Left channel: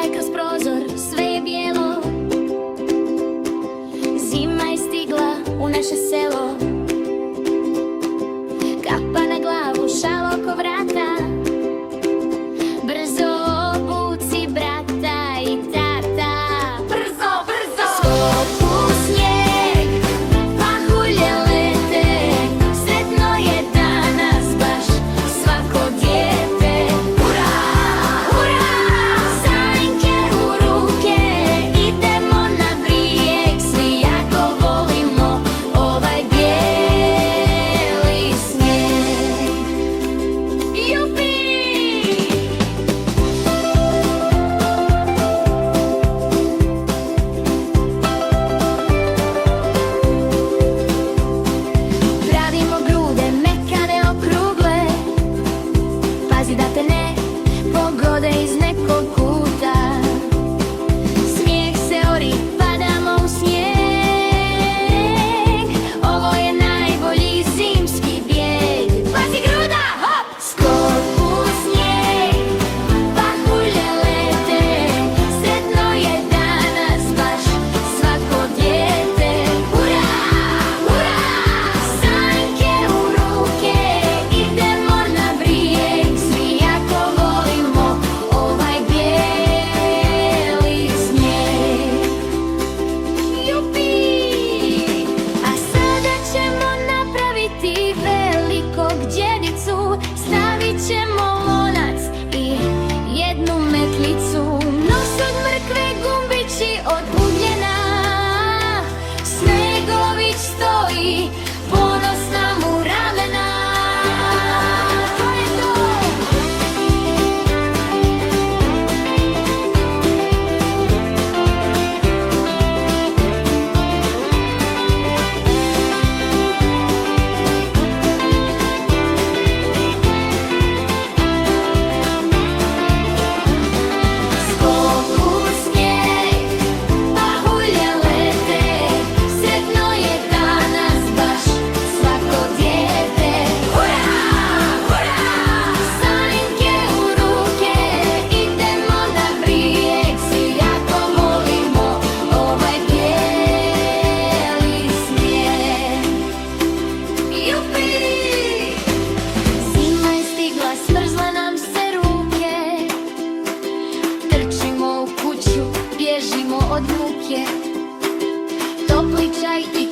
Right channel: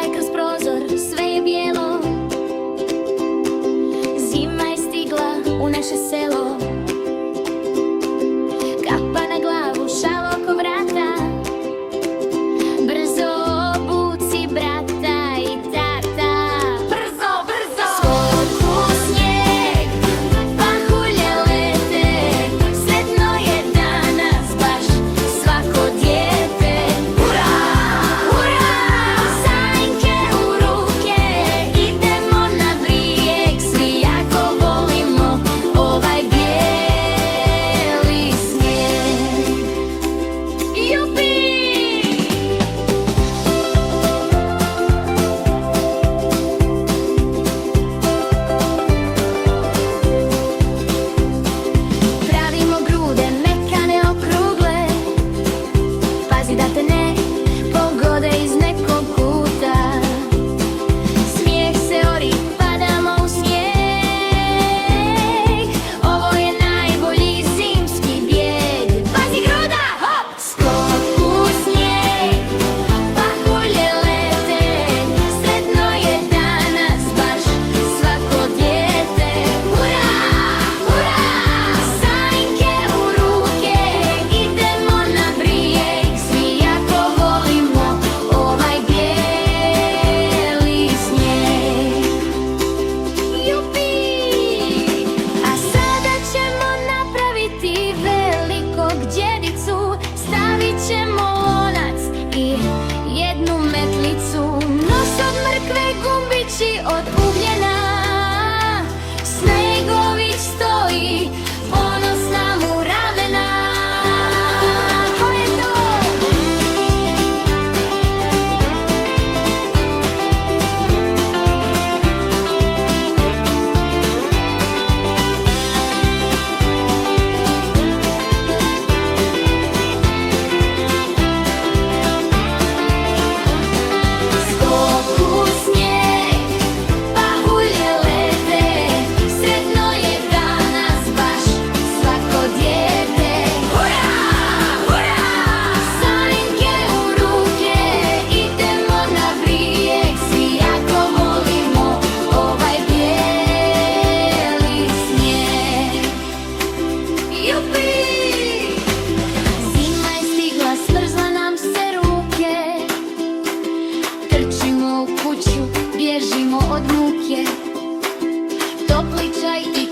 Pogledaj kroz prozor, sve je bijelo. Zima je stigla u naše selo. Kapa na glavu, šal oko vrata. Brzo obuci brata i tata. Brzo, brzo! Skok u snijeg, pahulje lete. Sretno je danas baš svako dijete. Hurra! Hurra! Sanjke u ruke, idemo na brijeg. Svi jako volimo ovaj bijeli snijeg. Jupi! Pravimo grude, mekane, okrugle. Pazi da te ne pogode iz nekog kuta. Smijeh se ori, padamo u snijeg. Ovo je najbolji zimski bijeg. Pazi gruda, hop! Skok u snijeg, pahulje lete. Sretno je danas baš svako dijete. Hurra, hurra! Sanjke u ruke, idemo na brijeg. Svi jako volimo ovaj bijeli snijeg. Jupi! A sada ćemo napraviti velikog djedicu. Stavit ćemo lonac i jednu metlicu. Nos od mrkve, gumbići od ugljena. Snegović stoji, ponosna mu ravnena. To je to! Skok u snijeg, pahulje lete. Sretno je danas baš svako dijete. Hurra, hurra! Sanjke u ruke, idemo na brijeg. Svi jako volimo ovaj bijeli snijeg. Jupi! Zima je stigla, smrzla nam se ruke. Trčimo u kuću, bježimo od muke. Topli čaj i